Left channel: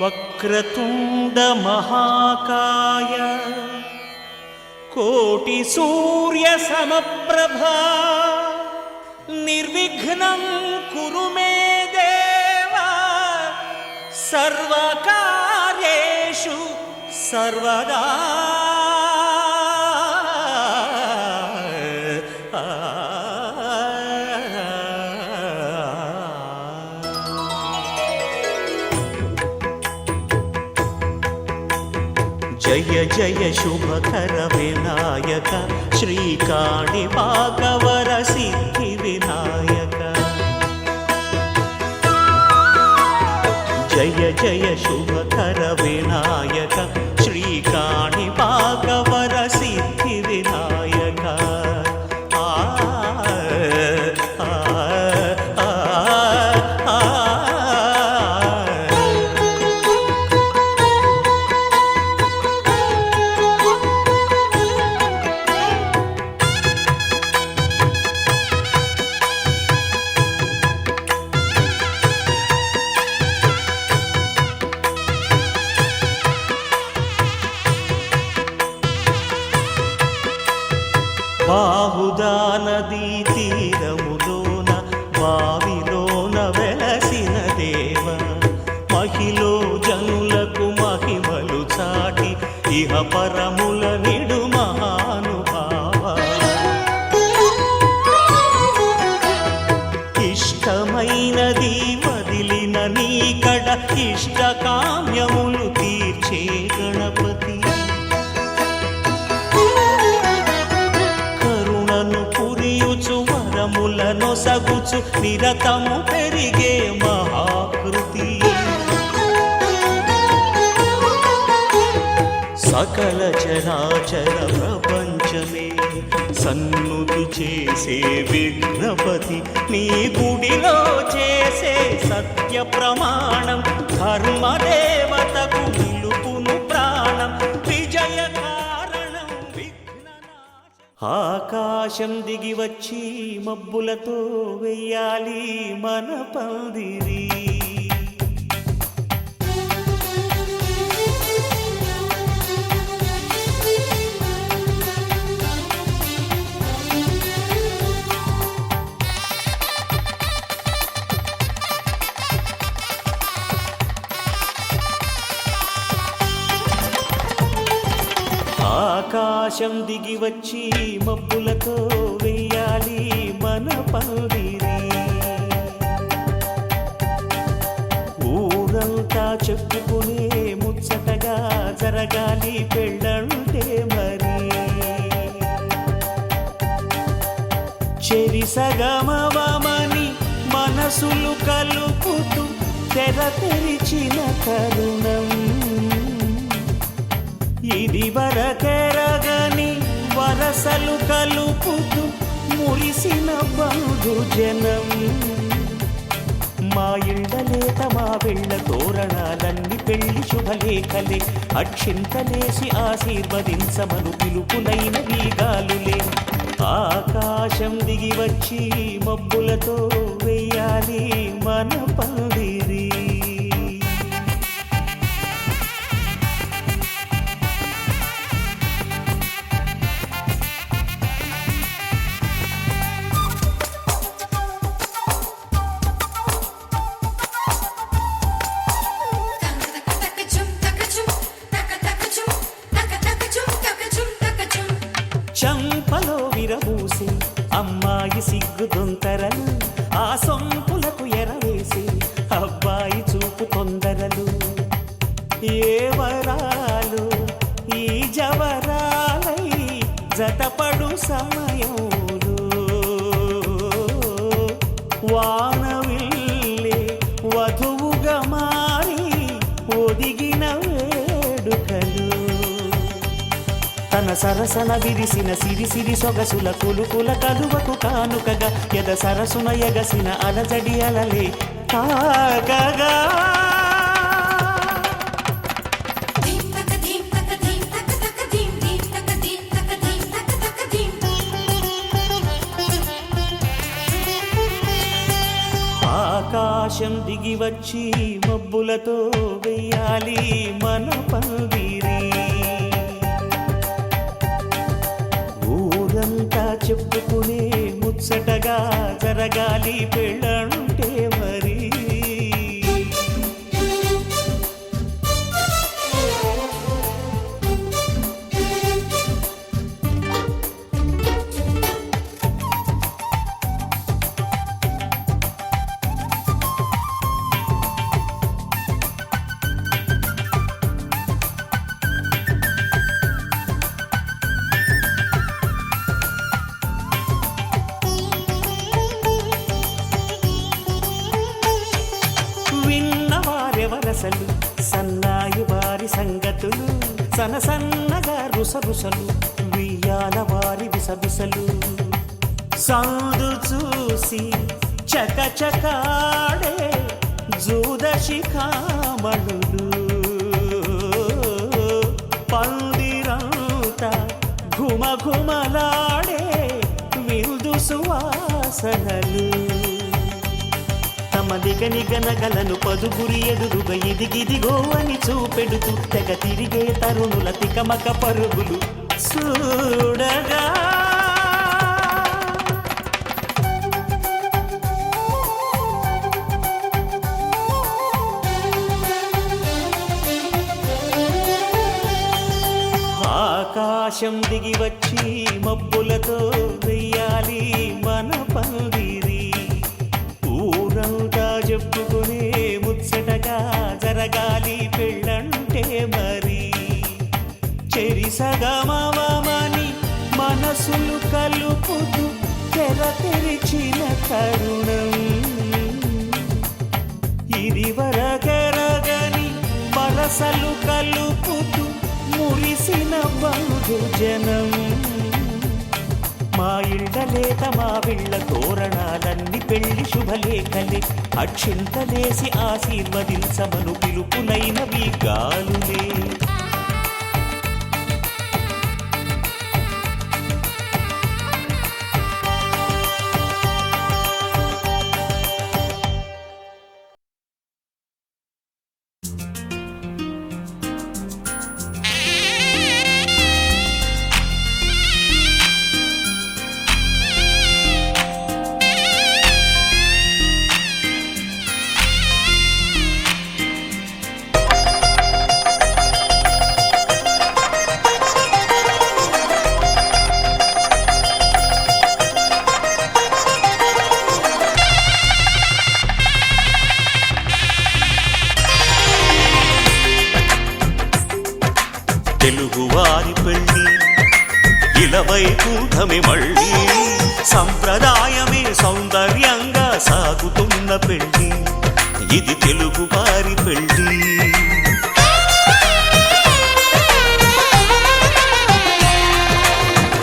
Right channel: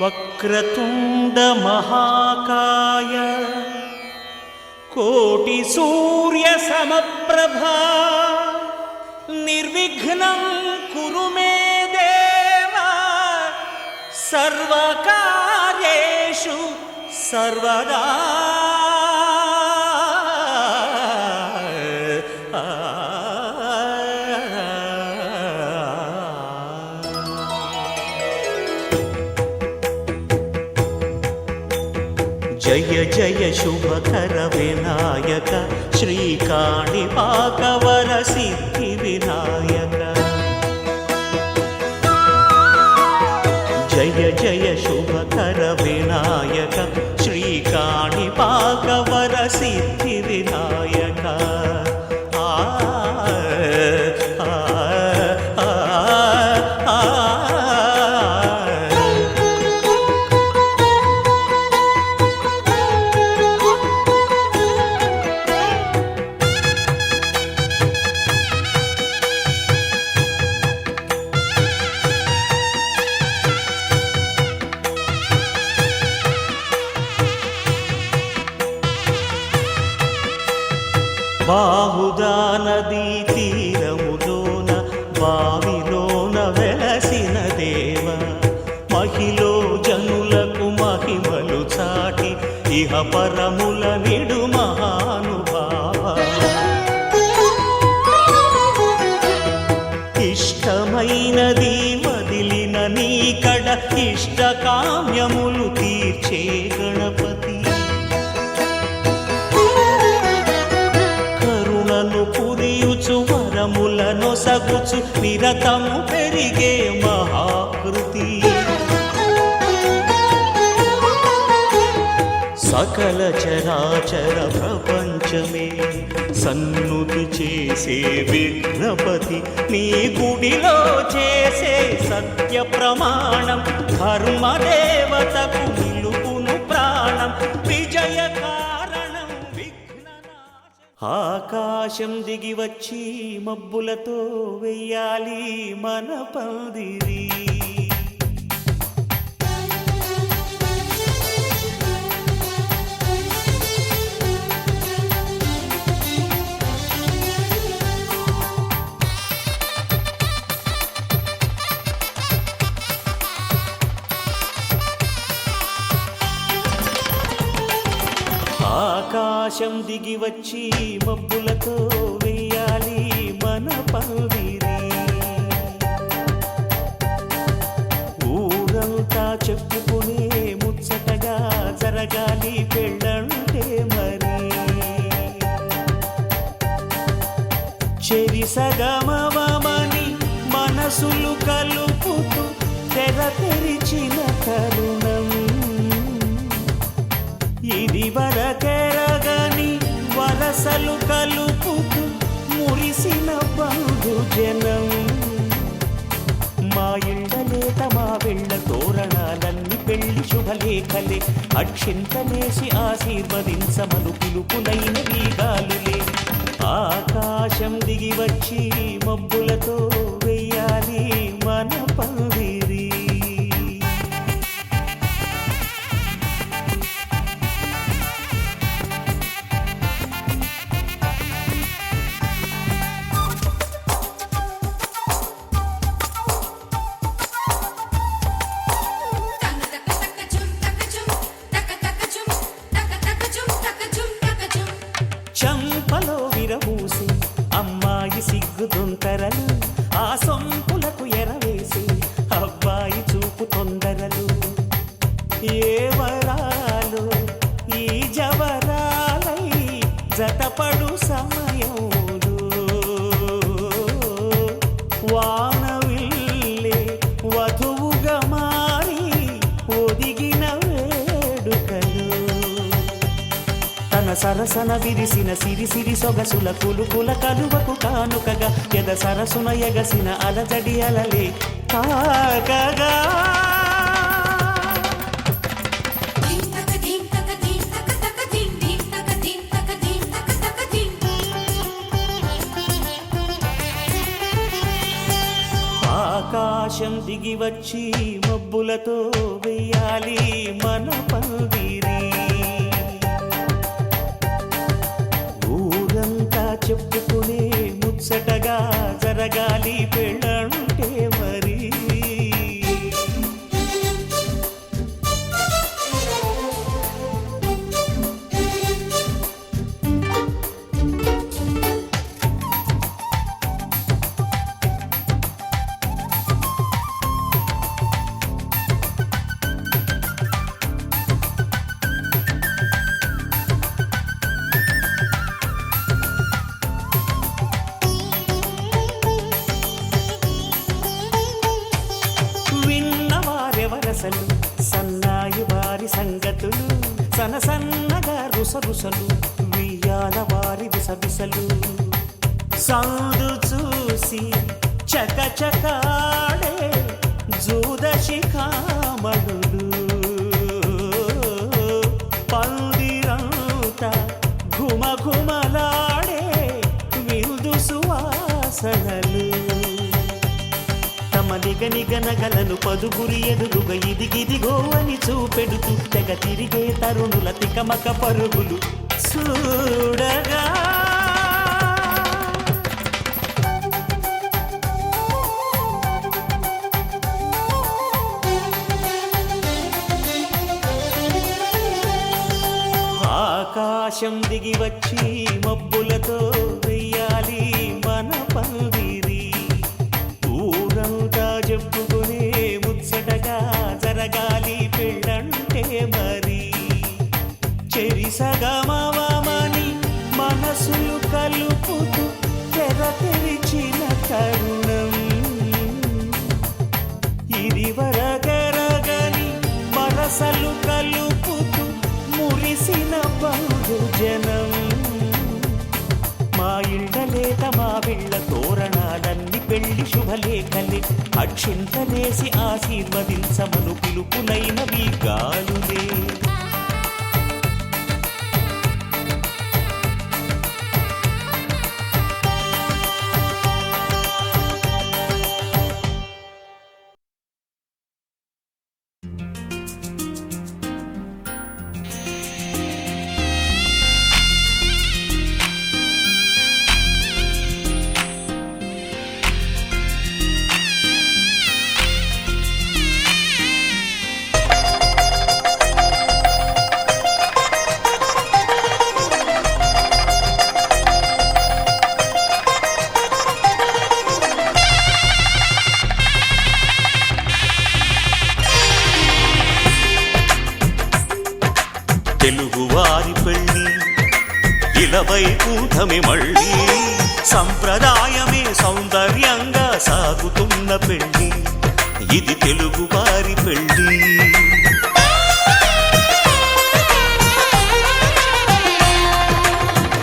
వక్రతుండ మహాకాయ కోటి సూర్య సమప్రభా నిర్విఘ్నం కురు మే దేవా సర్వకార్యేషు సర్వదా. జయ జయ శుభకర వినాయక శ్రీకాణిపాకవర సిద్ధి వినాయక. జయ జయ శుభకర వినాయక శ్రీకాణిపాకవర సిద్ధి వినాయక. ఆ బాహుదా నదీ తీరములోన బావిలోన వెలసిన దేవ మహిలో జనులకు మహిమలు చాటి ఇహ పరముల నిడు మహానుభావ. ఇష్టమైనది వదిలిన నీకడ ఇష్ట కామ్యములు తీర్చే గణపతి. పురియుచు వరములను సగుచు నిరతము పెరిగే మహాకృతి. సకల చరాచర ప్రపంచమే సన్నుతి చేసే విఘ్నపతి నీ గుడిలో చేసే సత్య ప్రమాణం ధర్మదేవతకు నిలుపును ప్రాణం విజయ కారణం. ఆకాశం దిగి వచ్చి మబ్బులతో వెయ్యాలి మన పందిరి. ఆకాశం దిగి వచ్చి మబ్బులతో వెయ్యాలి మన పందిరి. ఊరంతా చెప్పుకునే ముచ్చటగా జరగాలి పెళ్ళంటే మరి. చెరిసగమవమని మనసులు కలుపుతూ తెర తెరిచిన తరుణం ఇది వరకెరగని వరసలు కలుపుతూ మురిసిన బంధుజనం. మా ఇళ్ళలేత మా వెళ్ళ తోరణాలన్నీ పెళ్లి శుభలేఖలే అక్షింతలేసి ఆశీర్వదించమను పిలుపులైన వీగాలులే. ఆకాశం దిగి వచ్చి మబ్బులతో వెయ్యాలి మన పందిరి. చంపలో విరబూసి అమ్మాయి సిగ్గుదొంతరలు ఆ సొంపులకు ఎరవేసి అబ్బాయి చూపు తొందరలు. ఏ వరాలు ఈ జవరాలై జతపడు సమయంలో వానవిల్లే వధువుగా మారి ఒదిగిన వేడుకలు. తన సరసన విరిసిన సిరిసిరి సొగసుల కులుకుల కలువకు కానుకగా ఎద సరసున ఎగసిన అలజడి అలలే తాగగా. ఆకాశం దిగి వచ్చి మబ్బులతో వెయ్యాలి మన పందిరి. ఊరంతా చెప్పుకునే ముచ్చటగా జరగాలి పెళ్ళంటే మరి. విన్నవారెవరసలు సన్నాయి వారి సంగతులు, సనసన్నగా రుసరుసలు వియ్యాల వారి విసవిసలు. సందు చూసి చకచకాడే జూదశిఖామణులు, పందిరంతా ఘుమఘుమలాడే విందు సువాసనలు. తమ నిగనిగనగలను పదుగురి ఎదురుగా ఇదిగిదిగో అని చూపెడుతూ తెగ తిరిగే తరుణుల తికమక పరుగులు చూడగా. ఆకాశం దిగి వచ్చి మబ్బులతో వెయ్యాలి మన పందిరి. ఊరంతా చెప్పుకునే ముచ్చటగా జరగాలి పెళ్ళంటే మరి. చెరిసగమవమని మనసులు కలుపుతూ తెర తెరిచిన తరుణం, ఇది వరకెరగని వరసలు కలుపుతూ మురిసిన బంధుజనం. మా ఇళ్ళలేత మా విళ్ళ తోరణాలన్నీ పెళ్లి శుభలేఖలే, అక్షింతలేసి ఆశీర్వదించమను పిలుపులైనవి గాలులే. తెలుగువారి పెళ్ళి ఇలవైకుంఠమే మళ్ళీ, సంప్రదాయమే సౌందర్యంగా సాగుతున్న పెళ్ళి, ఇది తెలుగువారి పెళ్ళి.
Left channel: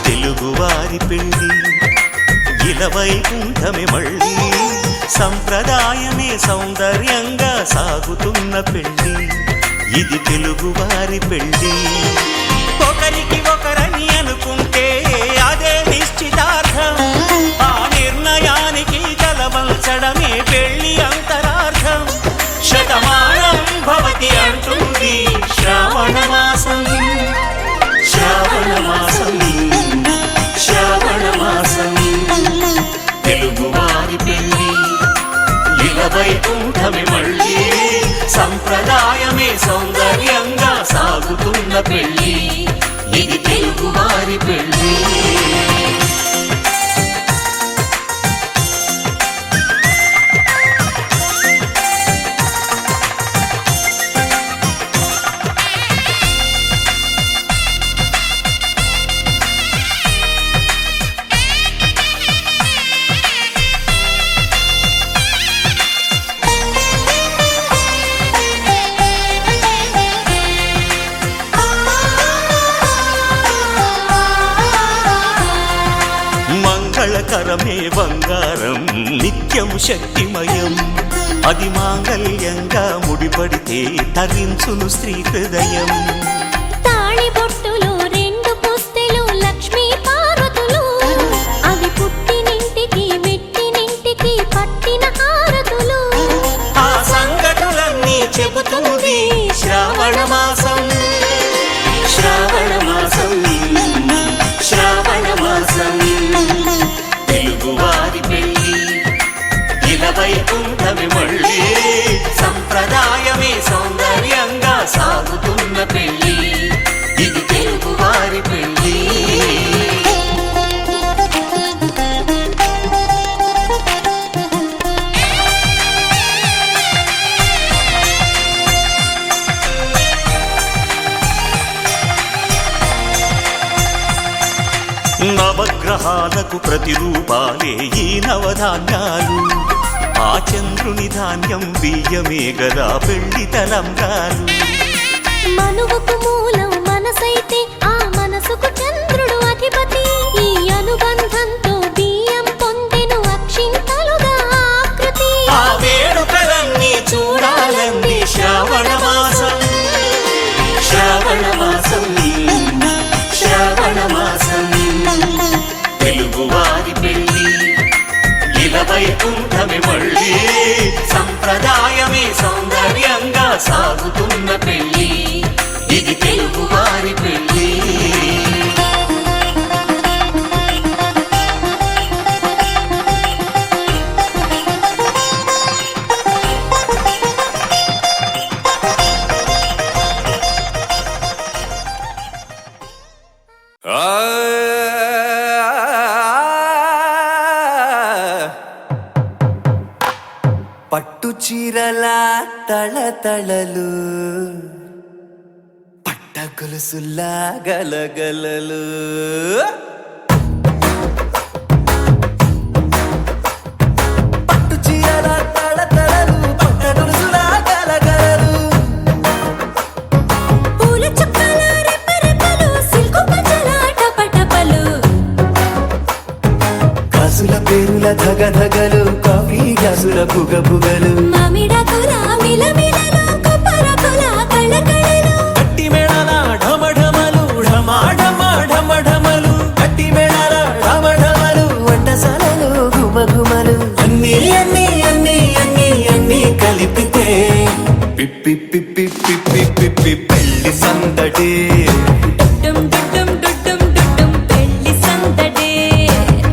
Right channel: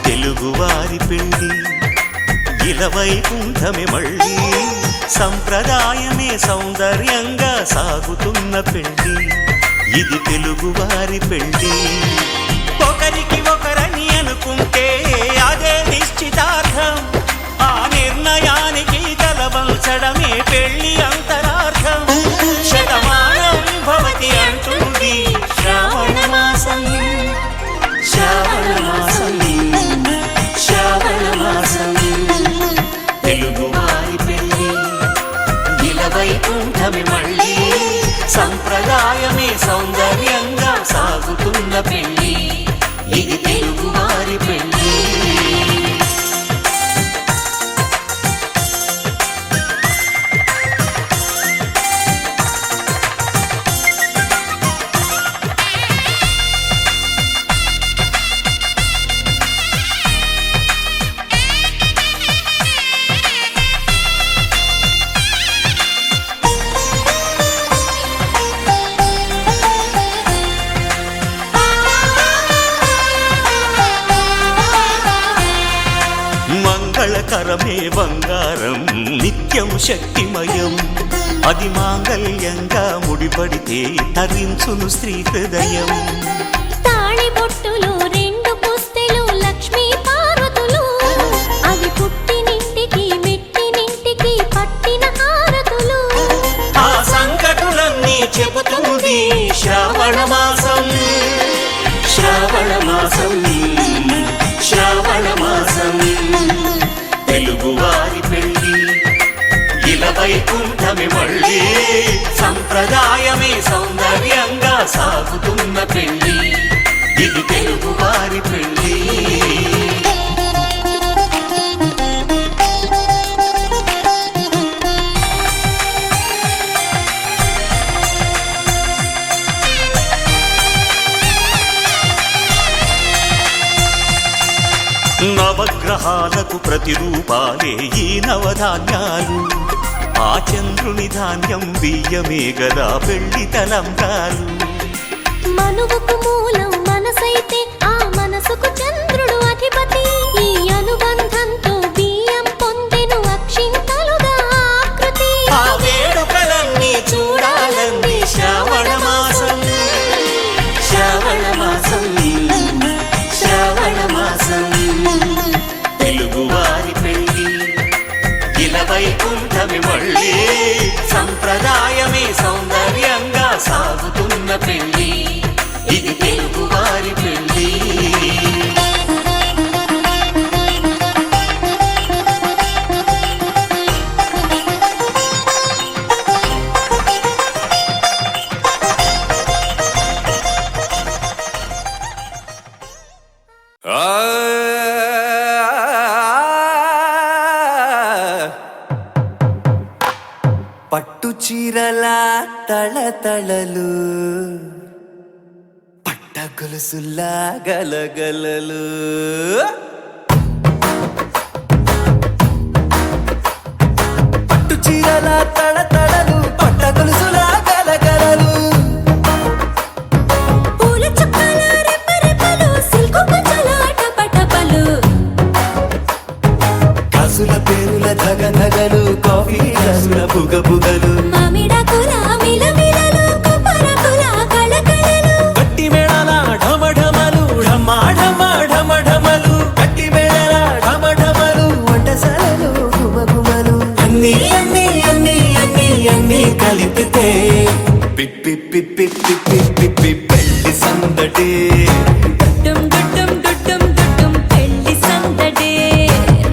తెలుగువారి పెళ్ళి ఇలవైకుంఠమే మళ్ళీ, సంప్రదాయమే సౌందర్యంగా సాగుతున్న పెళ్ళి, ఇది తెలుగువారి పెళ్ళి. ఒకరికి ఒకరని అనుకుంటే అదే నిశ్చితార్థం, ఆ నిర్ణయానికి తలవంచడమే పెళ్ళి అంతరార్థం. శతమానం భవతి అంటుంది శ్రావణ మాసం, శ్రావణ మాసం, శ్రావణ మాసం. తెలుగువారి పెళ్ళి ఇలవైకుంఠమే మళ్ళీ, సంప్రదాయమే సౌందర్యంగా సాగుతున్న పెళ్ళి, ఇది తెలుగువారి పెళ్ళి. మంగళకరమే బంగారం నిత్యం శక్తిమయం, అది మాంగళ్యంగా ముడిపడితే తరించును స్త్రీ హృదయం. తాళి బొట్టులు రెండు పుస్తెలు లక్ష్మీ పార్వతులు, అవి పుట్టినింటికి మెట్టినింటికి పట్టిన హారతులు. శ్రావణ మాసం శ్రావణ మాసం శ్రావణ మాసం తెలుగువారి పెళ్ళి ఇలా వైకుంఠమి మళ్ళీ సంప్రదాయమే సౌందర్యంగా సాగుతున్న పెళ్ళి ఇది తెలుగువారి పెళ్ళి నవగ్రహాలకు ప్రతిరూపాలే ఈ నవధాన్యాలు ఆ చంద్రుని ధాన్యం బియ్యమే గదా పెళ్లి తలంబ్రాలు మనువుకు మూలం మనసైతే ఆ మనసుకు చంద్రుడు అధిపతి ఈ అనుబంధంతో బియ్యం పొందెను అక్షింతలుగా ఆకృతి ఆ వేడుకలన్నీ చూడాలంది శ్రావణ మాసం శ్రావణ మాసం శ్రావణ మాసం తెలుగువారి పెళ్ళి ఇలా వైకుంఠమి మళ్ళీ సంప్రదాయమే సౌందర్యంగా సాగుతున్న పెళ్ళి ఇది తెలుగువారి పెళ్ళి పట్టు చీరల తళతళలు పట్ట గొలుసుల్లా గలగలలు పట్టు చీరల తళతళలు పట్ట గొలుసుల్లా గలగలలు పూల చుక్కల రెపరెపలు సిల్కు పచ్చల టపటపలు కాసుల పేరుల ధగధగలు కాఫీ గ్లాసుల బుగబుగలు మామిడాకుల మిలమిలలు కొబ్బరకుల కళకళలు గట్టి మేళాల ఢమఢమలు ఢమా ఢమా ఢమఢమలు గట్టి మేళాల ఢమఢమలు వంటసాలలు గుమగుమలు అన్నీ అన్నీ అన్నీ అన్నీ అన్నీ కలిపితే పిప్పి పిప్పి పిప్పి పిప్పి పెళ్లి సందడి డుమ్ డుమ్ డుమ్ డుమ్ పెళ్లి సందడి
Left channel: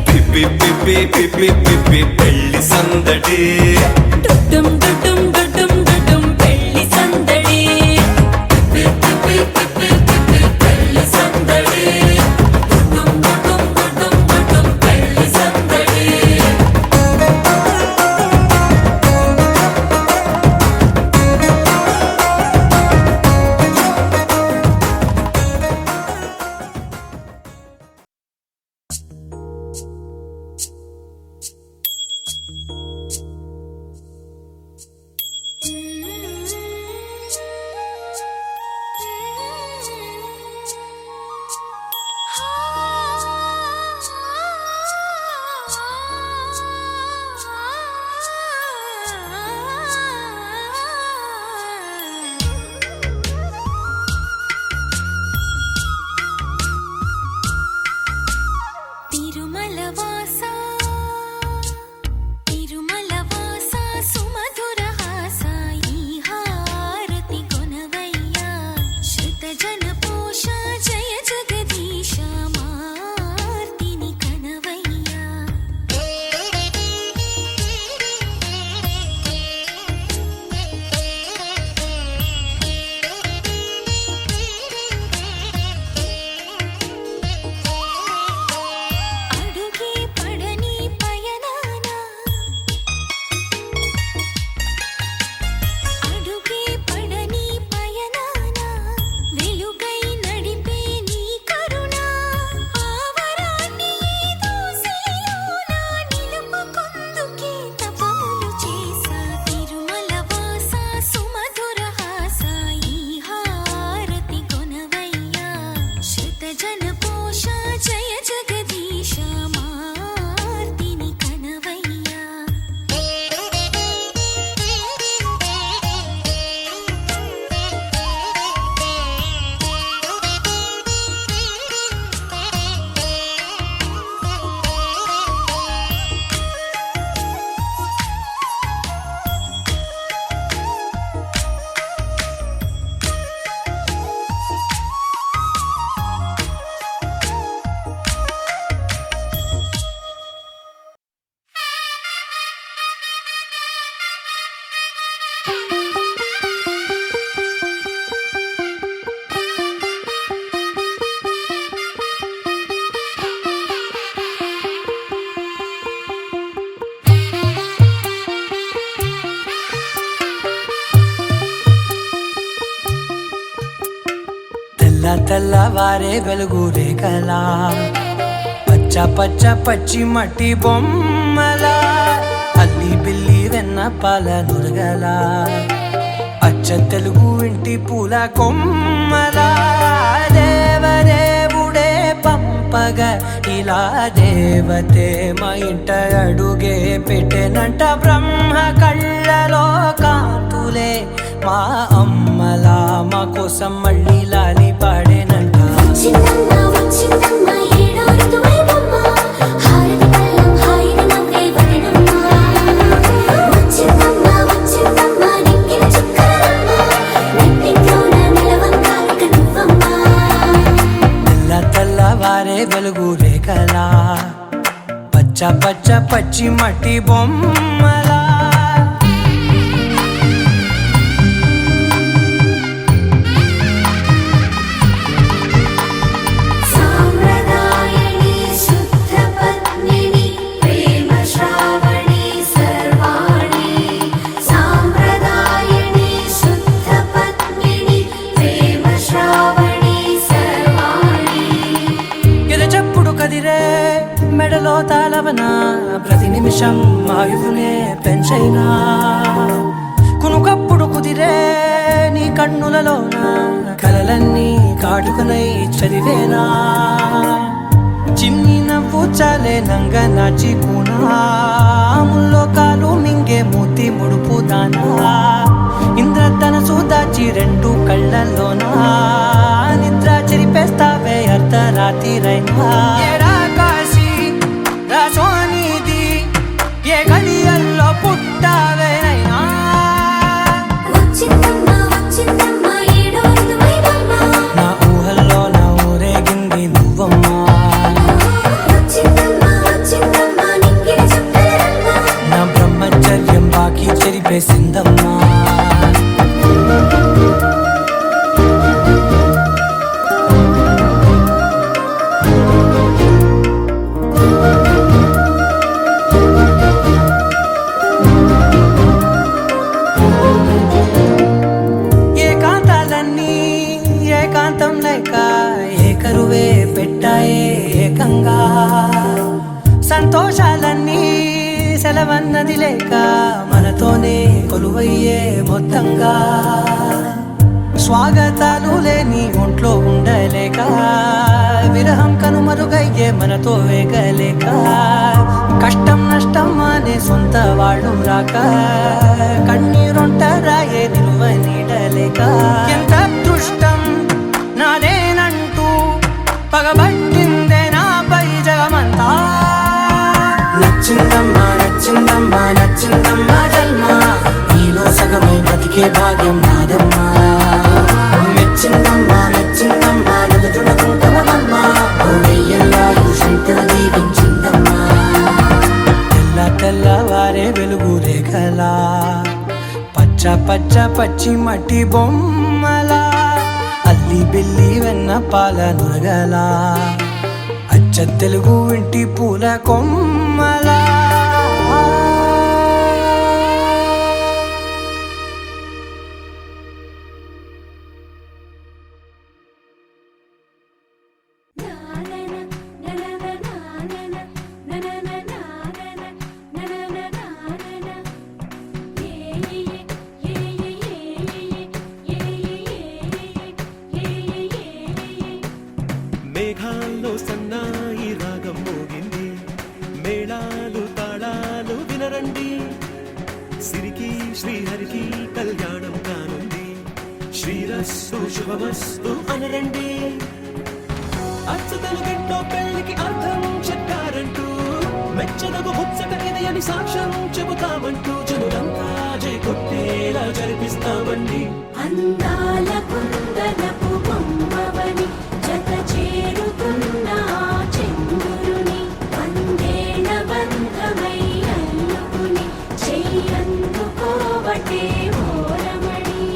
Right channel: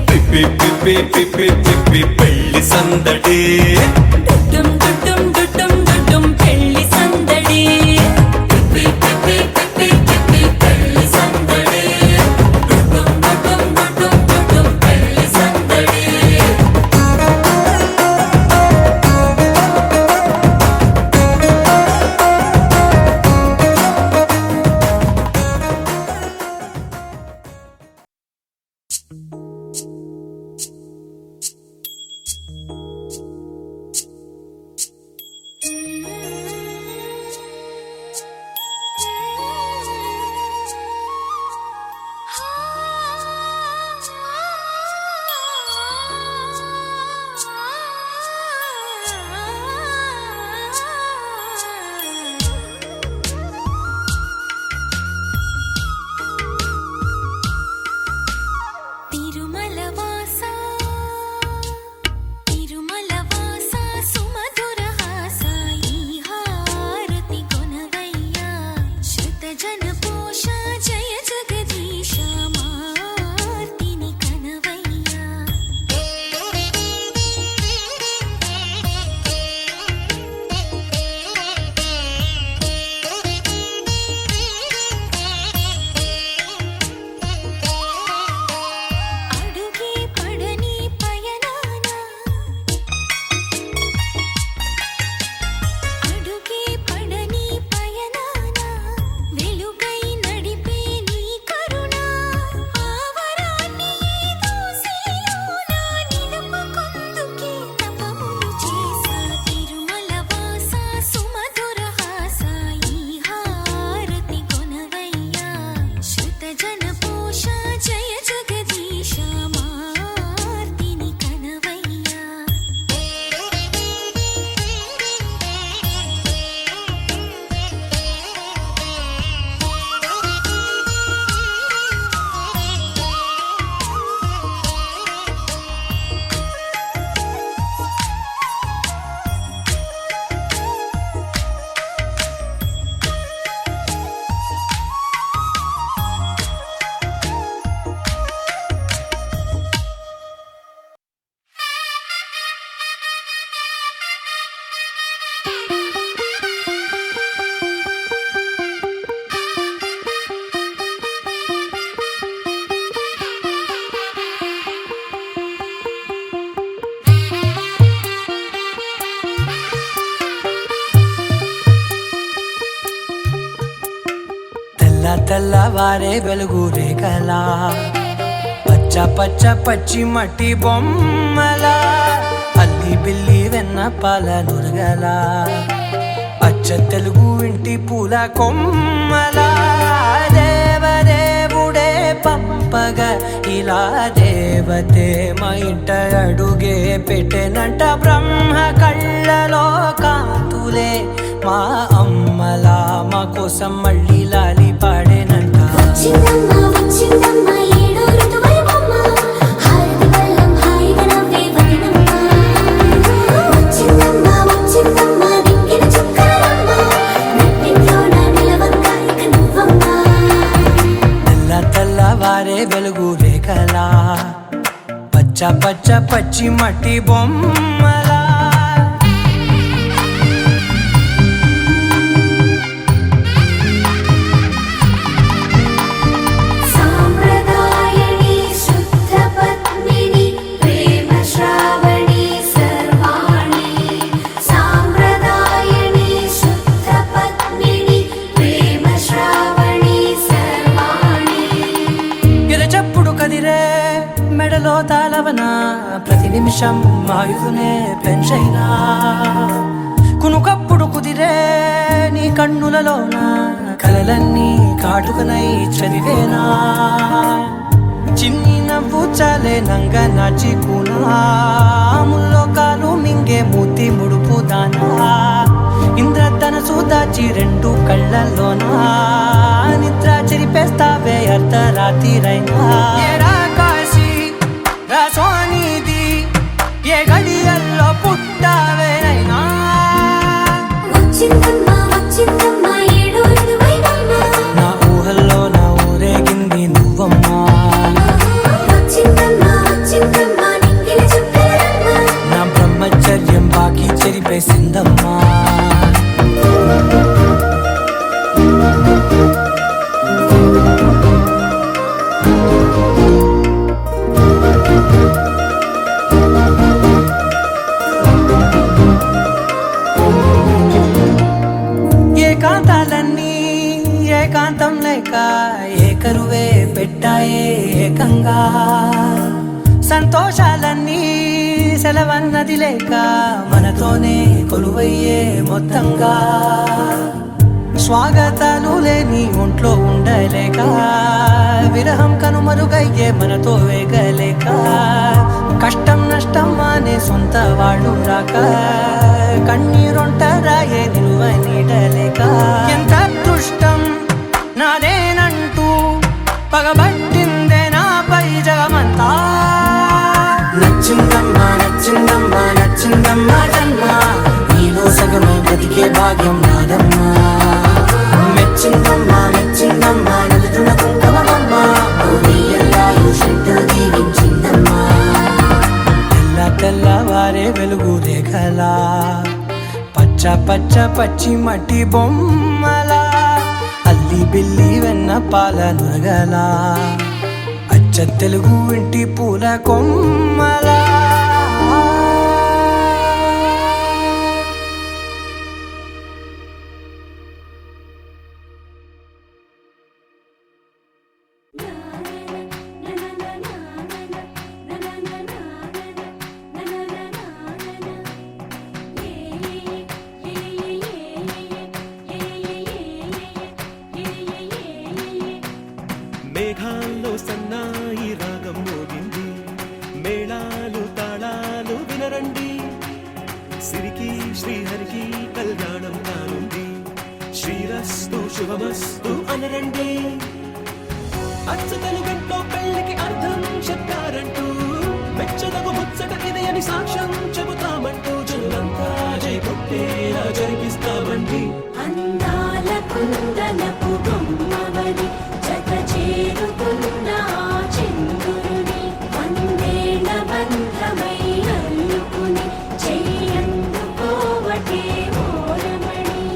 పిప్పి పిప్పి పిప్పి పిప్పి పెళ్లి సందడి డుమ్ డుమ్ డుమ్ డుమ్ పెళ్లి సందడి పిప్పి పిప్పి పిప్పి పెళ్లి సందడి డుమ్ డుమ్ డుమ్ పెళ్లి సందడి తెల్లవారే వెలుగు రేఖలా పచ్చ పచ్చ పచ్చి మట్టి బొమ్మలా అల్లి బిల్లి వెన్న పాల నురగలా అచ్చ తెలుగు ఇంటి పూల కొమ్మలా దేవదేవుడే పంపగా ఇలా దేవతే మా ఇంట అడుగే పెట్టెనంట బ్రహ్మ కళ్ళలో కాంతులే మా అమ్మలా మా కోసం మళ్ళీ లాలి పాడేనంట వచ్చిందమ్మ వచ్చిందమ్మ ఏడో ఋతువైవమ్మ హారతి పళ్ళం హాయిగా నవ్వే వదనమ్మ వచ్చిందమ్మ వచ్చిందమ్మ దిక్కిన చుక్కలమ్మ నెట్టింట్లోన నిలవంగా ఇక నువ్వమ్మ తెల్లవారే వెలుగు రేఖలా పచ్చ పచ్చ పచ్చి మట్టి బొమ్మలా సాంప్రదాయని శుద్ధ పద్మిని ప్రేమ శ్రావణి సర్వాణి సాంప్రదాయని శుద్ధ పద్మిని ప్రేమ శ్రావణి సర్వాణి ఎరచప్పుడు కదిరే మెడలో తాళవన ప్రతి నిమిషం ఆయుధునే పెంచైనా కునుకప్పుడు కుదిరే నీ కన్నులలోన కలలన్నీ కాటుకనై చదివేనా చిన్ని నవ్వు చాలే నంగ నాచి కూనాముల్లో కాలు మింగే మూతి ముడుపు దానా ఇంద్రధనసు దాచి రెండు కళ్ళల్లోనా నిద్ర చెరిపేస్తావే అర్ధరాత్రిరైనా ఏరా కాశీ రా సోనిది ఏ గడియల్లో పుట్టావేనైనా వచ్చిందమ్మ వచ్చిందమ్మ ఏడో ఋతువైవమ్మ నా ఊహల్లో నా ఊరేగింది నువ్వమ్మా వచ్చిందమ్మ వచ్చిందమ్మ నిక్కిన చుక్కలమ్మ నా బ్రహ్మచర్యం బాకీ చెరిపేసిందమ్మా ఏకాంతాలన్నీ ఏకాంతం లేక ఏకరువే పెట్టాయే ఏకంగా సంతోషాలన్నీ సెలవన్నది లేక మనతోనే కొలువయ్యే మొత్తంగా స్వాగతాలు లేని ఒంట్లో ఉండలేక విరహం కనుమరుగయ్యే మనతో వేగలేక కష్టం నష్టం అనే సొంత వాళ్ళు రాక కన్నీరొంటరాయే నిలువ నీడలేక ఎంత అదృష్టం నాదేనంటూ పగబట్టిందే నాపై జగమంతా నచ్చిందమ్మా నచ్చిందమ్మా నచ్చిందమ్మా జన్మ నీలో సగమై బ్రతికే భాగ్యం నాదమ్మా మెచ్చిందమ్మా మెచ్చిందమ్మా నిలుతున్న కుంకుమమ్మా వెయ్యల్లాలు శంకరు దీవించిందమ్మా తెల్లవారే వెలుగు రేఖలా పచ్చ పచ్చ పచ్చి మట్టి బొమ్మలా అల్లి బిల్లి వెన్న పాల నురగలా అచ్చ తెలుగు ఇంటి పూల కొమ్మలా మేఘాల్లో సన్నాయి రాగం మోగింది మేళాలు తాళాలు వినరండి సిరికి శ్రీహరికి కళ్యాణం కానుంది శ్రీరస్తు శుభమస్తు అనరండి అచ్చ తెలుగింట్లో పెళ్లికి అర్థం చెప్పారంటూ మెచ్చదగు ముచ్చట ఇది అని సాక్ష్యం చెబుతామంటూ జనులంతా జై కొట్టేలా జరిపిస్తామండి అందాల కుందనపు బొమ్మవని జత చేరుతున్న ఆ చెంగురుని వందేళ్ల బంధమై అల్లుకుని చెయ్యందుకోవటే ఓరమణి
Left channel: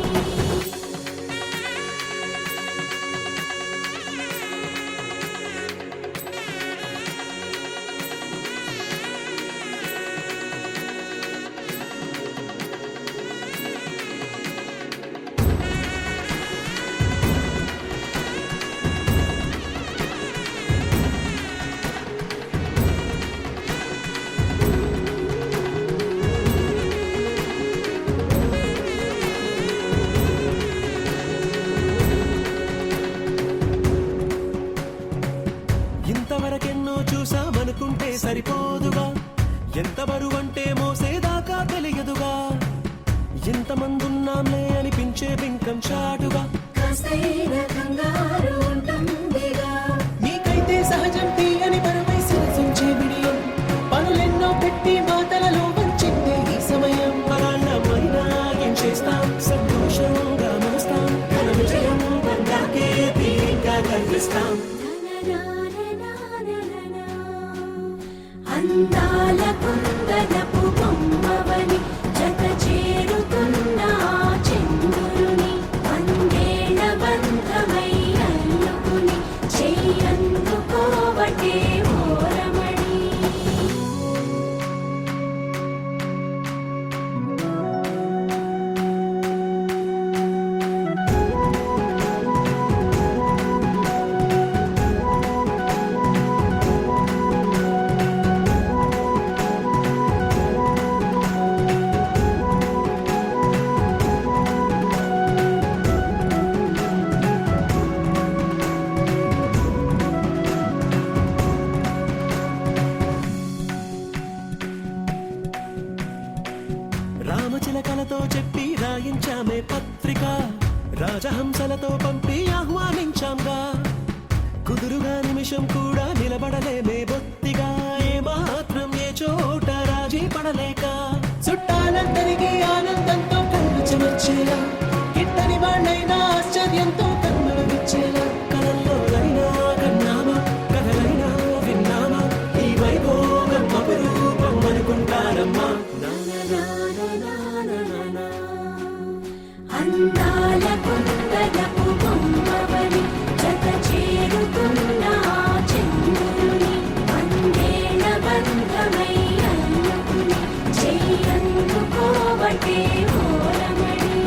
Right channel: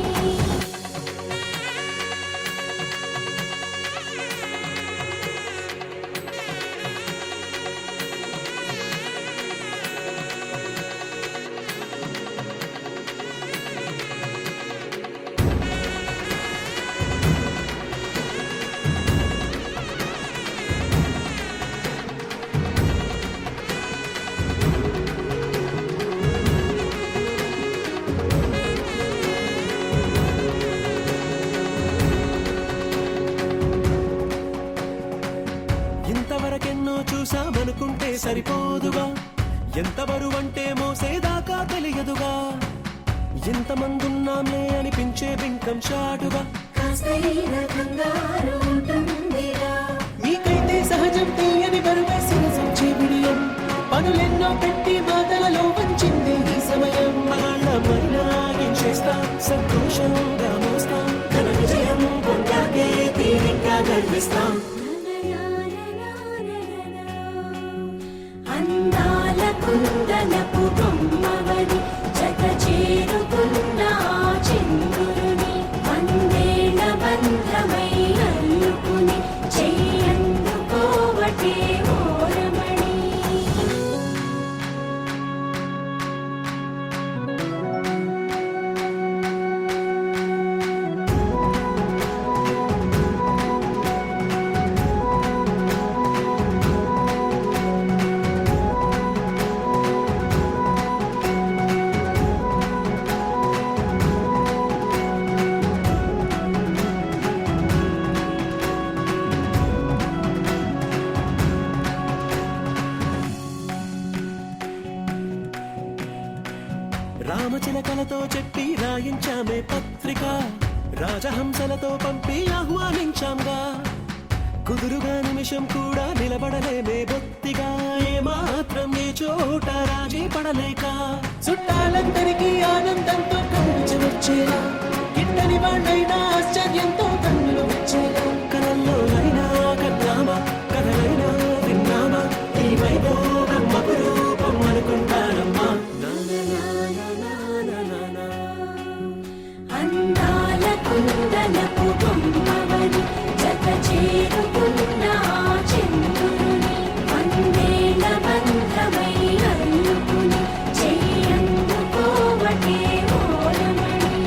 మోసామనుకుంటే సరిపోదుగా, ఎంత బరువంటే మోసేదాకా తెలియదుగా, ఎంతమందున్నాంలే అనిపించే బింకం చాటుగా, కాస్తైన కంగారు ఉంటుందిగా. మీకైతే సహజం తీయని బరువై సిరసించే బిడియం, పనులెన్నో పెట్టి మాటలలో వంచిందే ఈ సమయం. మనాళ్ళమైనా ఏం చేస్తాం, సంతోషంగా మోస్తాం, ఘన విజయం పొందాకే తీరిగ్గా కనిపిస్తాం. అందాల కుందనపు బొమ్మవని జత చేరుతున్న ఆ చంద్రుని వందేళ్ల బంధమై అల్లుకుని చెయ్యందుకోవటే ఓరమణి. రామచిలకలతో చెప్పి రాయించామే పత్రిక, రాజహంసలతో పంపి ఆహ్వానించాంగా, కుదురుగా నిమిషం కూడా నిలబడలేమే బొత్తిగా, ఏమాత్రం ఏ చోట రాజీ పడలేక, చుట్టాలందరికీ ఆనందంతో కళ్ళు చెమర్చేలా, గిట్టని వాళ్ళైనా ఆశ్చర్యంతో కన్నులు విచ్చేలా, కలల్లోనైనా కన్నామా, కథలైనా విన్నామా, ఈ వైభోగం అపురూపం అనుకుంటానమ్మా. అందాల కుందనపు బొమ్మవని జత చేరుతున్న ఆ చంద్రుని వందేళ్ల బంధమై అల్లుకుని చెయ్యందుకోవటే ఓరమణి.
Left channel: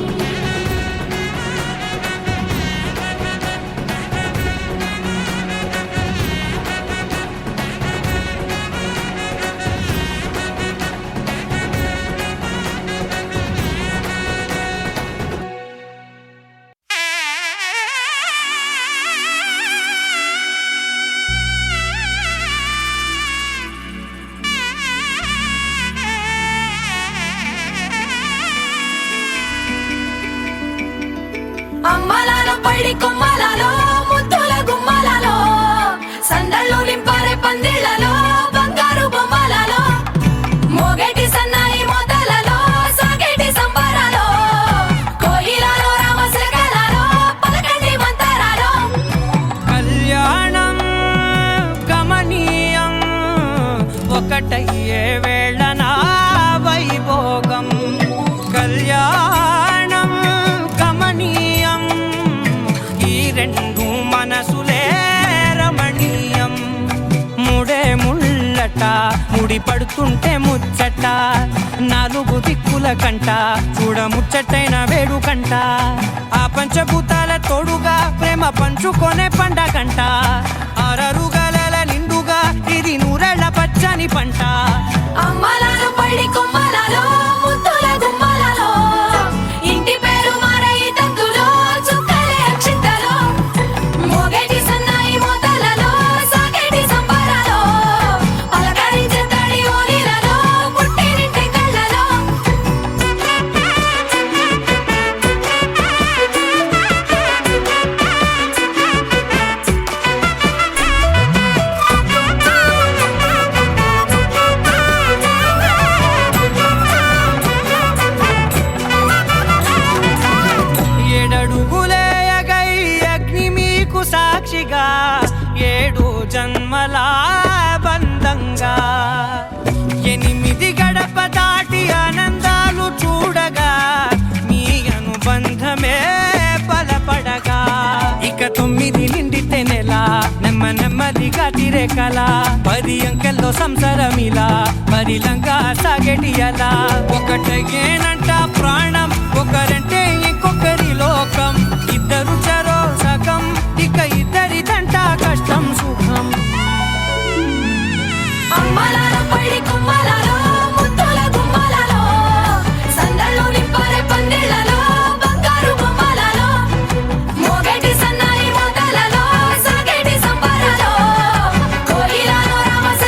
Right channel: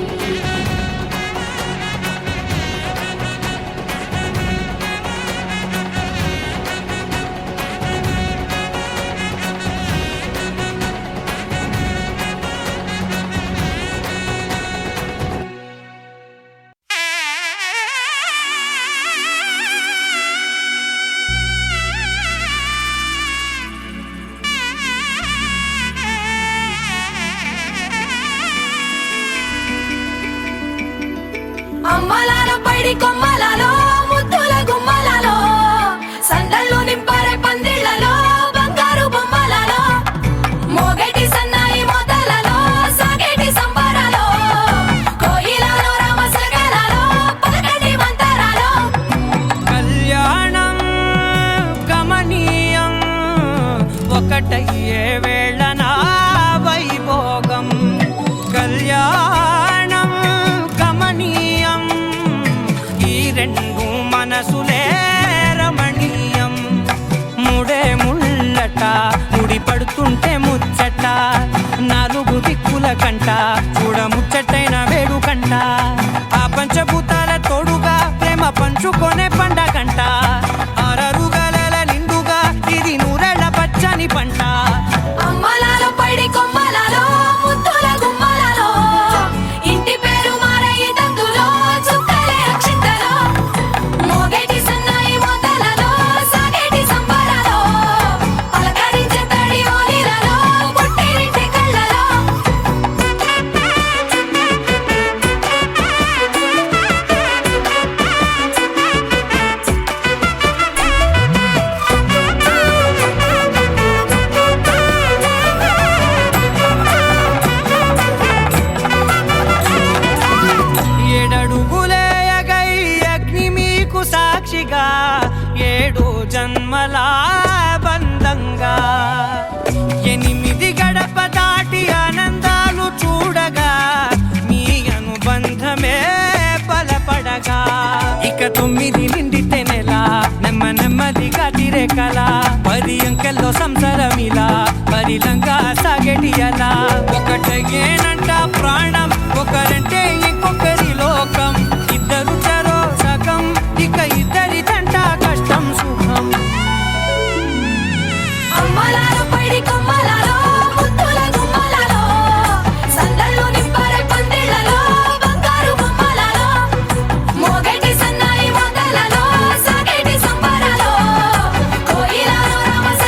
అమ్మలాల పైడి కొమ్మలలో ముద్దుల గుమ్మలలో సందళ్ళు నింపారే పందిళ్లలో బంగారు బొమ్మలలో మోగేటి సన్నాయి మొదలలో సాగేటి సంబరాలో కోయిలలో రామశకలలో పలకండి మంతరాలో. కళ్యాణం గమనీయం ఒకటయ్యే వేళ నా వైభోగం, కళ్యాణం గమనీయం ఈ రెండు మనసులే రమణీయం. ముడే ముళ్ళట ముడి పడుతుంటే ముచ్చట, నాలుగు దిక్కుల కంట చూడ ముచ్చటైన వేడుకంట, ఆ పంచభూతాల తోడుగా ప్రేమ పంచుకొనే పండగంట, ఆరరుగల నిండుగా ఇది నూరెళ్ళ పచ్చని పంట. అమ్మలాల పైడి కొమ్మలలో ముద్దుల గుమ్మలలో ఇంటి పేరు మారయి తందులో చుక్కలే అక్షింతలో మోగేటి సన్నాయి మొదలలో సాగేటి సంబరాలో పలకరించే తడి ఓలిలలో పుట్టినింటి కళ్ళలో. ఏడడుగులేయగై అగ్ని మీకు సాక్షిగా, ఏడు జన్మల బంధంగా, 8 గడప దాటి ఆనందాలు చూడగా మీ అనుబంధమే బలపడగా, ఇక 9 నిండితే నెల నెమ్మదిగా తిరేకల, 10 అంకెల్లో సంసారమిలా పరిలంగా సాగేటి అలా, ఒకటేనంట ప్రాణం ఒకరంటే ఇంకొకరి లోకం, ఇద్దరు చరో సగం ఇక ఇద్దరిదంట కష్టం సుఖం. అమ్మలాల పైడి కొమ్మలలో ముద్దుల గుమ్మలలో సందళ్ళు నింపారే పందిళ్లలో బంగారు బొమ్మలలో మోగేటి సన్నాయి మొదలలో సాగేటి సంబరాలో కోయిలలో రామశ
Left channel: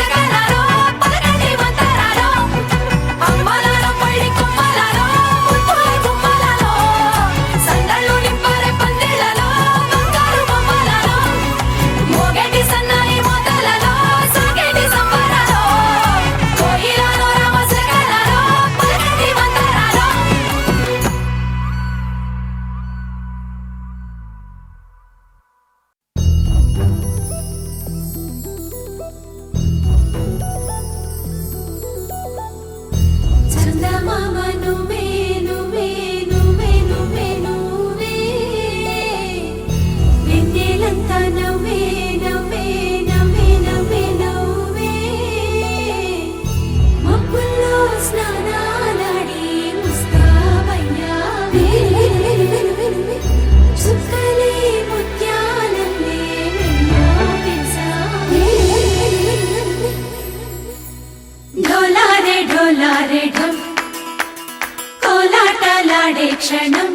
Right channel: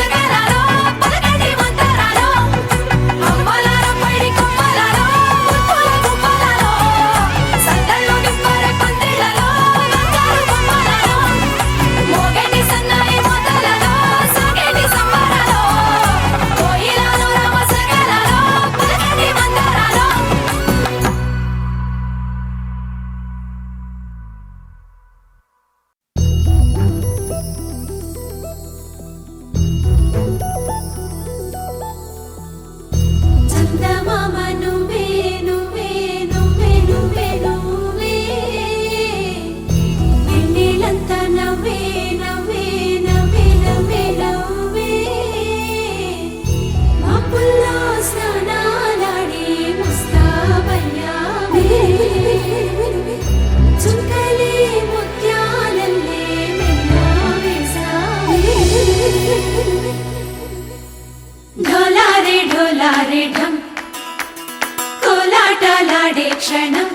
క్షణం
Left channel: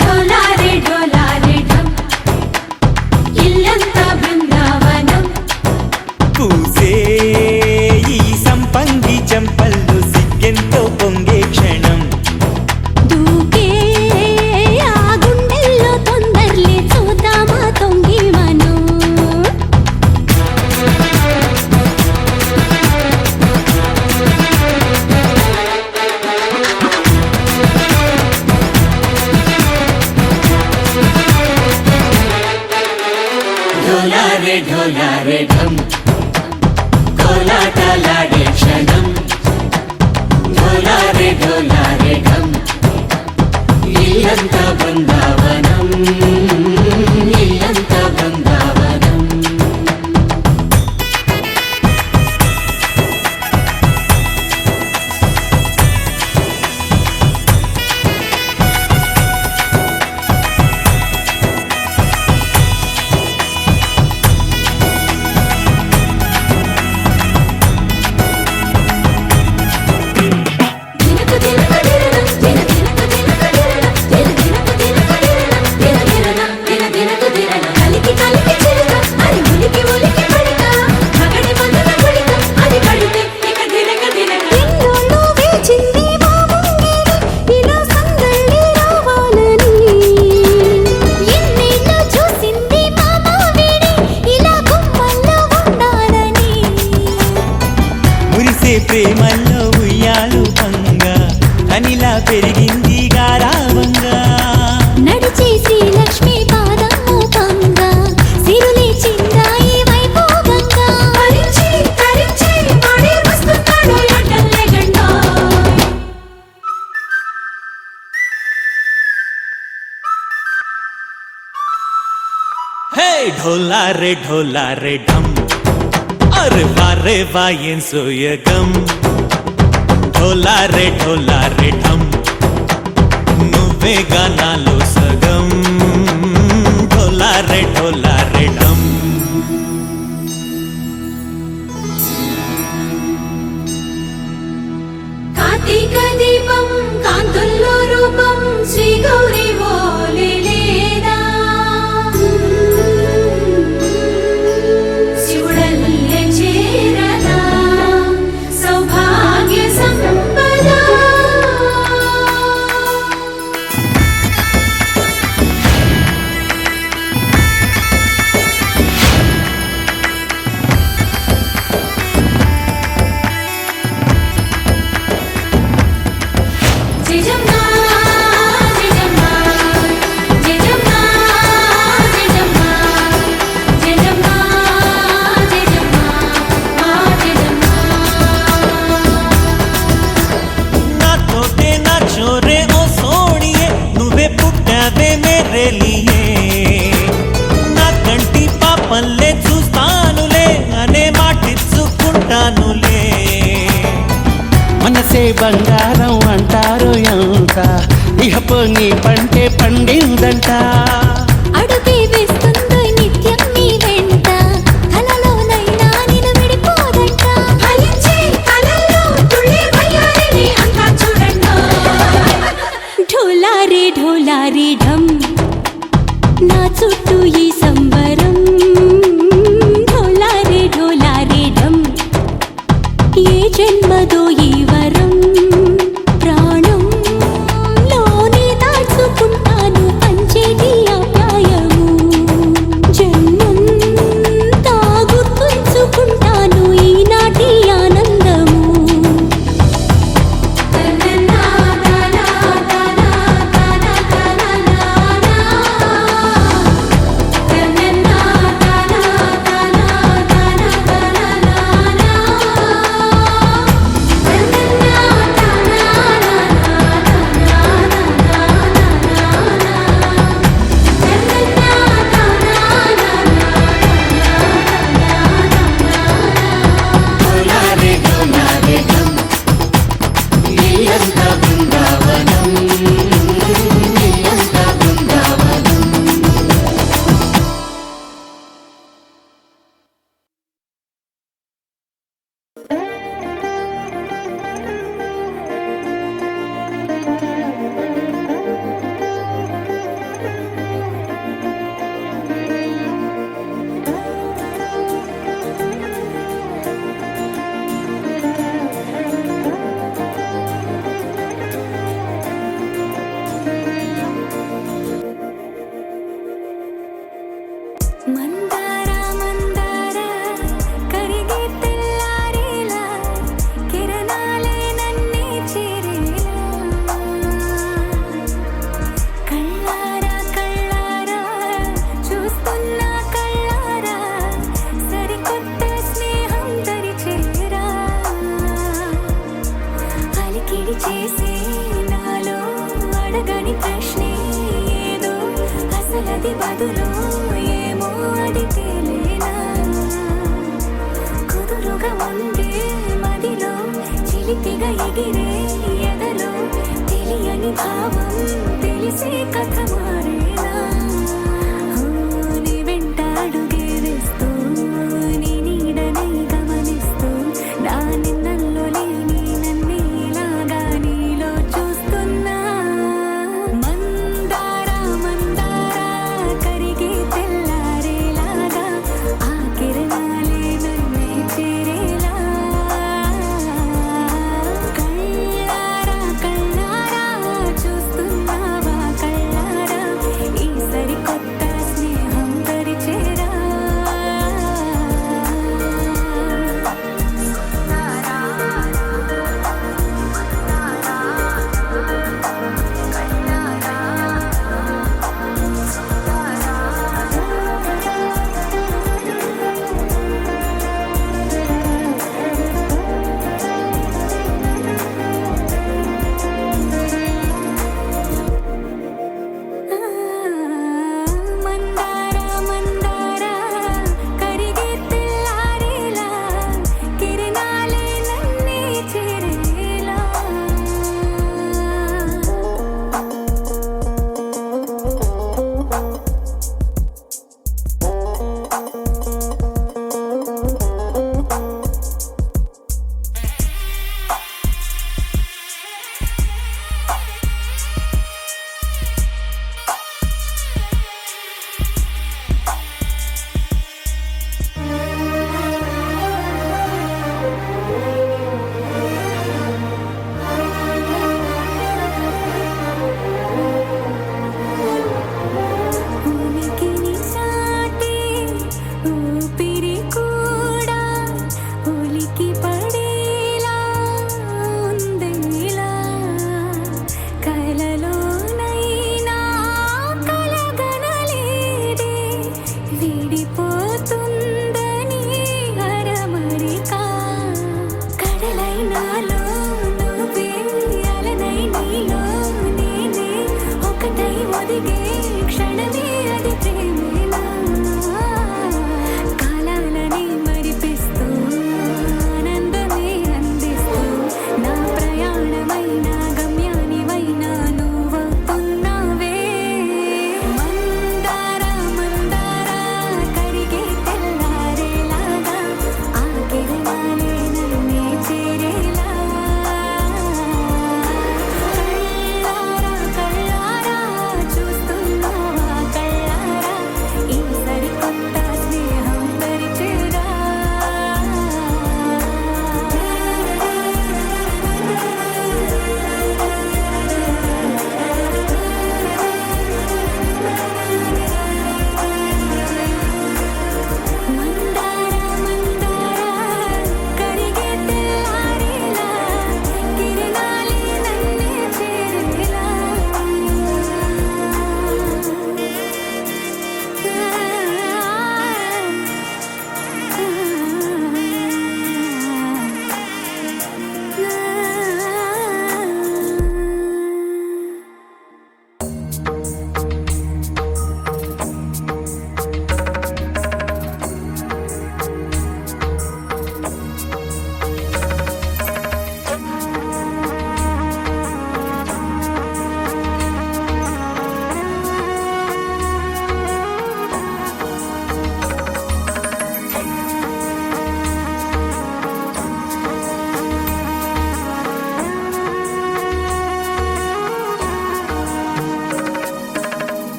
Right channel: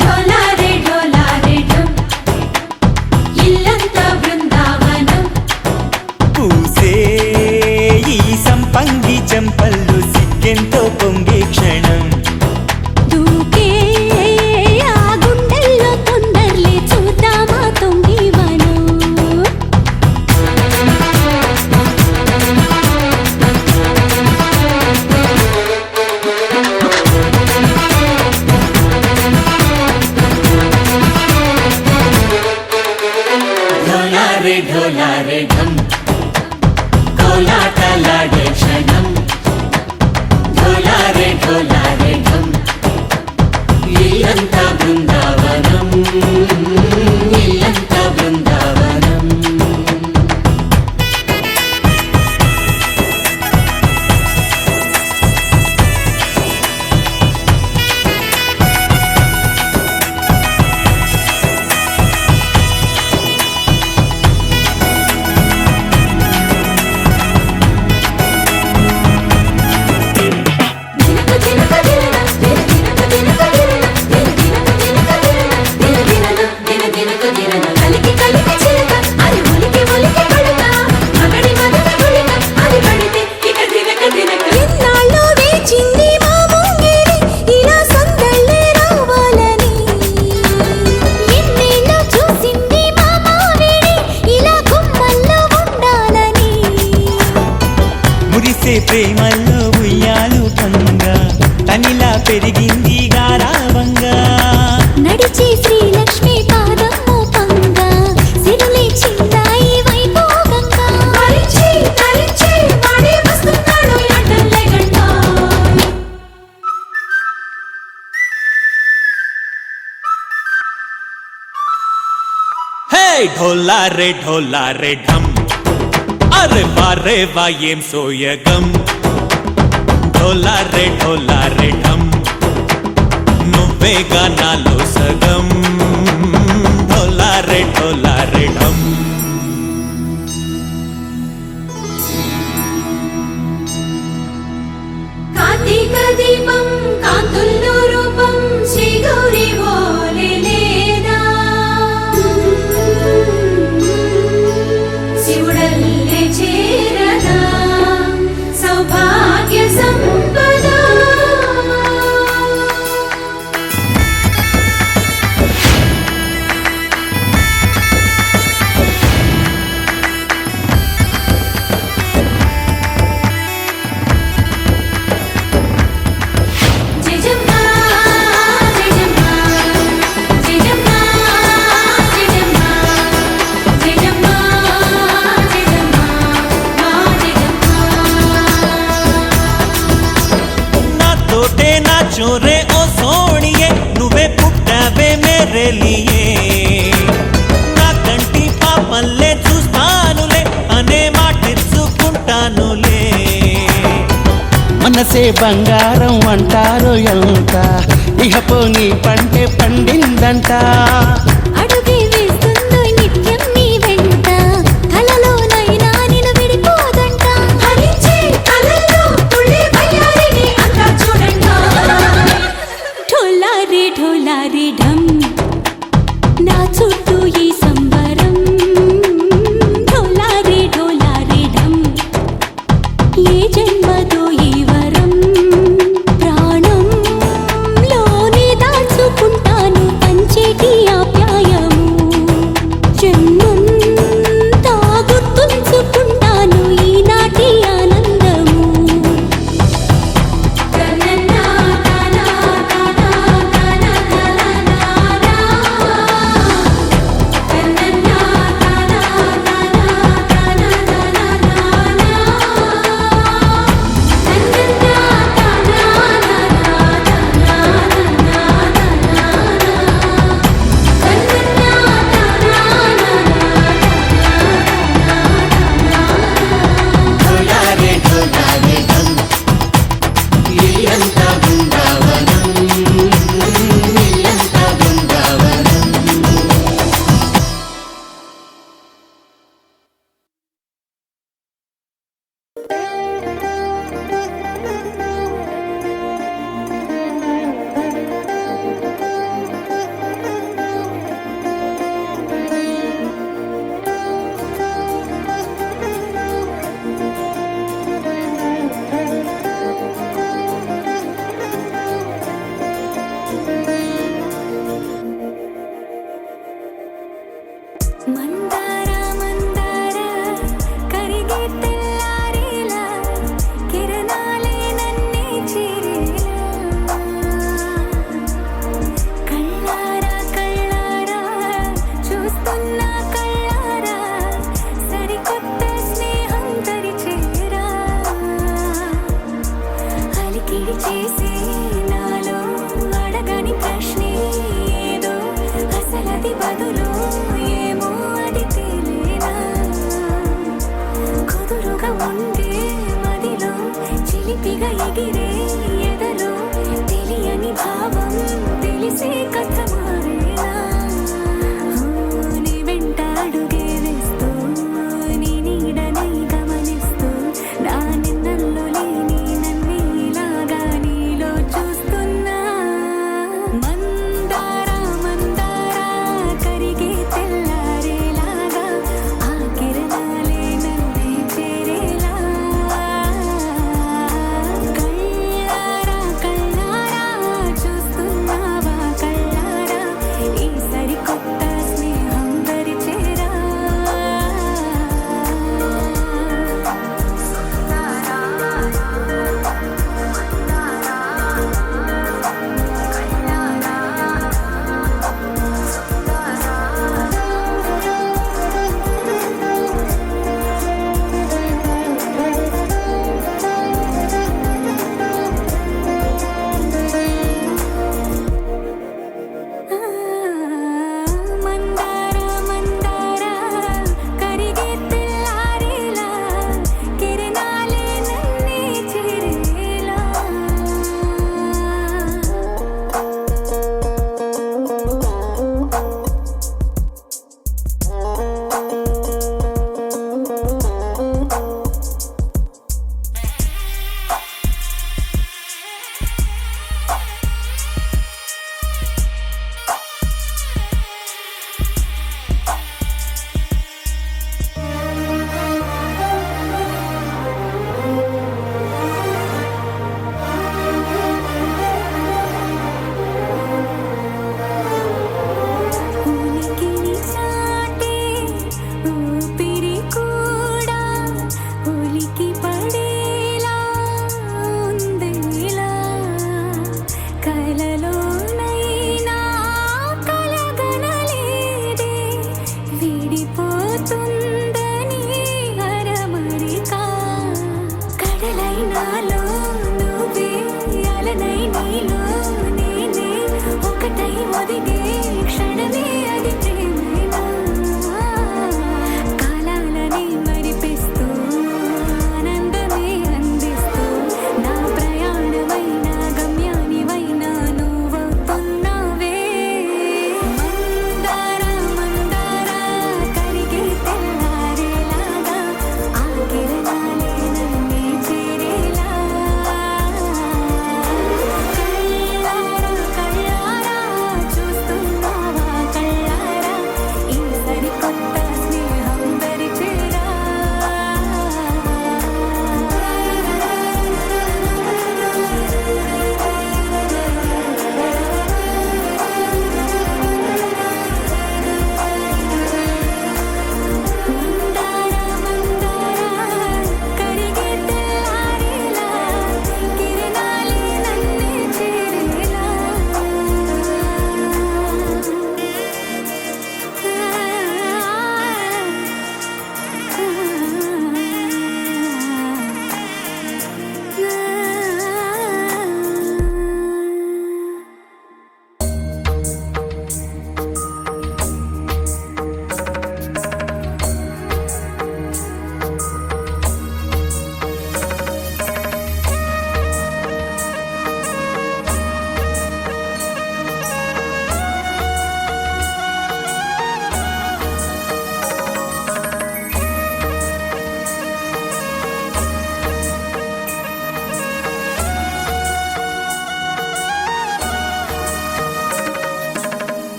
ఢోలారే ఢోలారే ఢం ఇల్లంతా బృందావనం పూసే ఈ సంపంగి చెంపల్లో సిగ్గెంతో పొంగే క్షణం దూకే ఆ గుండెల్లో తొందరలే చూద్దామా తొంగి మనం ఢోలారే ఢోలారే ఢం కోలాటలాడే క్షణం ఢోలారే ఢోలారే ఢం ఇల్లంతా బృందావనం ఇల్లంతా బృందావనం మురిసే ప్రేమల్లో ఉయ్యాలు పంగా తనిలా పెరిగింది గారావంగా నడిచే శ్రీ లక్ష్మీ పాదము పంగ సిరులై చిందాయి వైభోగంగా తరించి తరించి వాడే వస్తున్నాడు ఎండలే గంట హే ఢోలారే ఢోలారే ఢం అరే వారే వాయేం సోయగం ఢోలారే ఢోలారే ఢం నువ్వే గానాలో సగం ఢోలారే ఢోలారే ఢం కార్తీక దీపం కాంతుల్లో రూపం శ్రీ గౌరీ ఓలే లేదా శివుడల్లే చేరదా సౌభాగ్య సంపద జయజమ్మ జయజమ్మ జయజమ్మ జయజమ్మ జయజమ్మ నా తోటే నా చోరే ఓ సోడియే నువ్వే పుట్టావే మేరే లియే నా కంటి పాపల్లే చూస్తానులే అనే మాటిచ్చుకుంటానులే మనసే బంగారం అంటారు ఎంత ఇహపు నీ పంటే పండిందంట అడుగే వేస్తుందో నిత్యం నీ వెంట కలలోనైనా నిన్ను విడిపోదంట ఫలించే కలల్లో తుళ్ళే వయ్యారిని అంతా చూడంట ఢోలారే ఢోలారే ఢం నా చుట్టూ ఈ సంబరం ఢోలారే ఢోలారే ఢం ఏ జన్మదో ఈ వరం ప్రాణం లోనే దాచుకుంటాను పంచేటి అపాయము జన్మం తాగుతుంచుకుంటాను ఈనాటి ఆనందము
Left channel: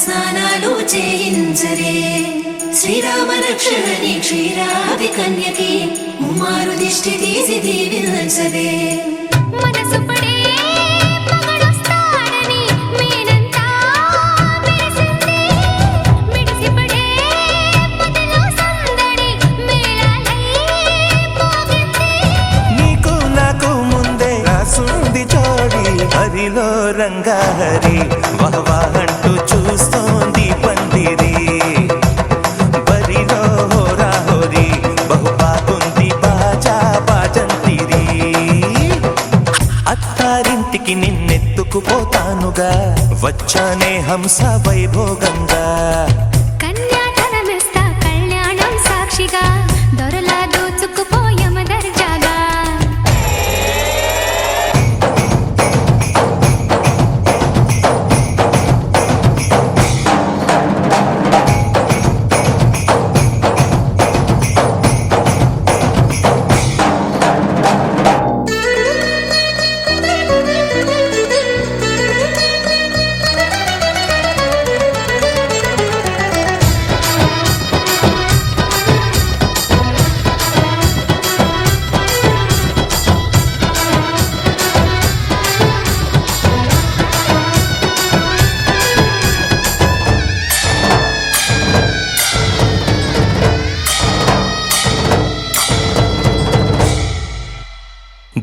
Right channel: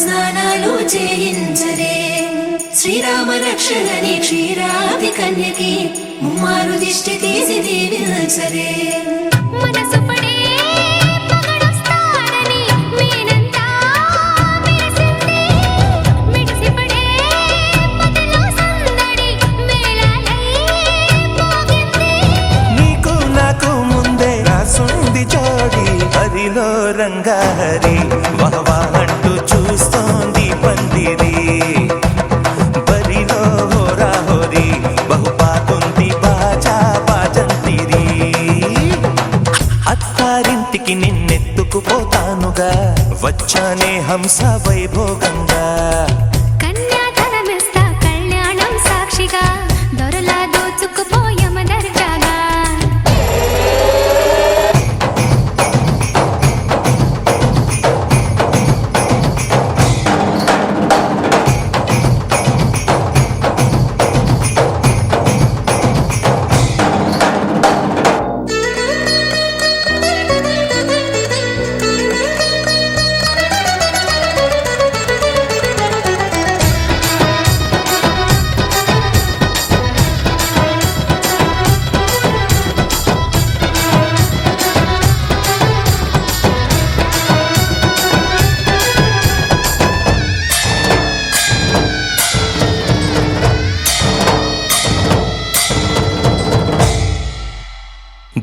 స్నానాలు చేయించరే శ్రీరామ రక్షణని క్షీరాది కన్యని ముమ్మారు దిష్టి తీసి దీవించరే మనసు పడే మగడొస్తాడని మేనంతా మెరిసింది మిడిసి పడే పదిలో సందడి మేళాలై మోగింది నీకు నాకు ముందే రాసుంది జోడి హరిలో రంగా హరి వహవా అంటూ చూస్తోంది పందిరి బరిలో హోరా హోరి బహు బాగుంది బాజా బాజంతిరి అత్తారింటికి నిన్నెత్తుకుపోతానుగా వచ్చానే హంస వైభోగంగా కన్యాధనమిస్తా కళ్యాణం సాక్షిగా దొరలా దోచుకుపోయమ దర్జాగా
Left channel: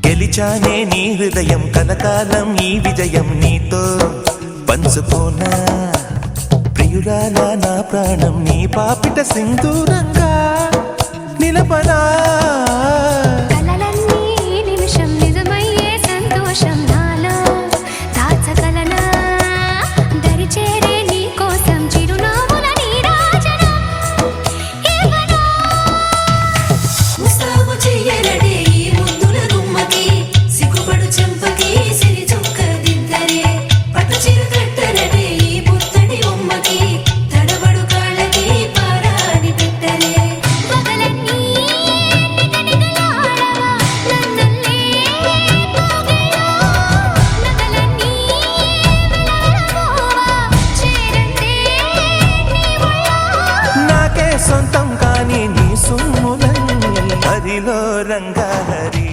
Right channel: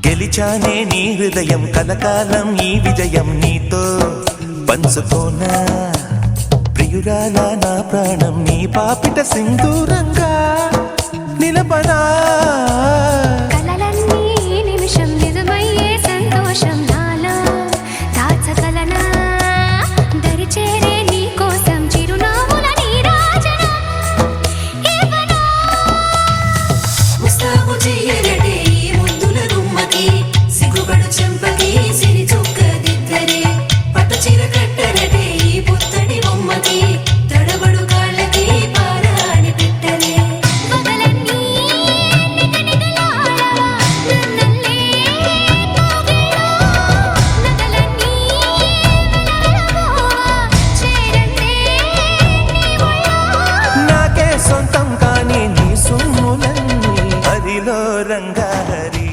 గెలిచానే నీ హృదయం కలకాలం ఈ విజయం నీతో పంచుకోనా ప్రియురాల నా ప్రాణం నీ పాపిట సింధూరంగా నిలపనా కలలన్నీ నిమిషం నిజమయ్యే సంతోషం నాలో దాచగలనా దరిచేరే నీ కోసం చిరునవ్వుల నీరాజనం ఇవ్వనా ముస్తాబు చెయ్యరటే ఈ ముద్దుల గుమ్మకి సిగ్గుపడు చెంపకి సిరి చుక్క దిద్దరే పట్ట చీర కట్టరటే ఈ బుత్తడి బొమ్మకి తడబడు కాళ్ళకి పారాడి పెట్టరే పగలన్నీ నిగనిగలాడవా నన్నల్లే పోగిలో నగలన్నీ వెలవెలబోవా చేరందే నీ ఒళ్ళో నాకే సొంతం కాని నీ సొమ్ములన్నీ హరిలో రంగా హరి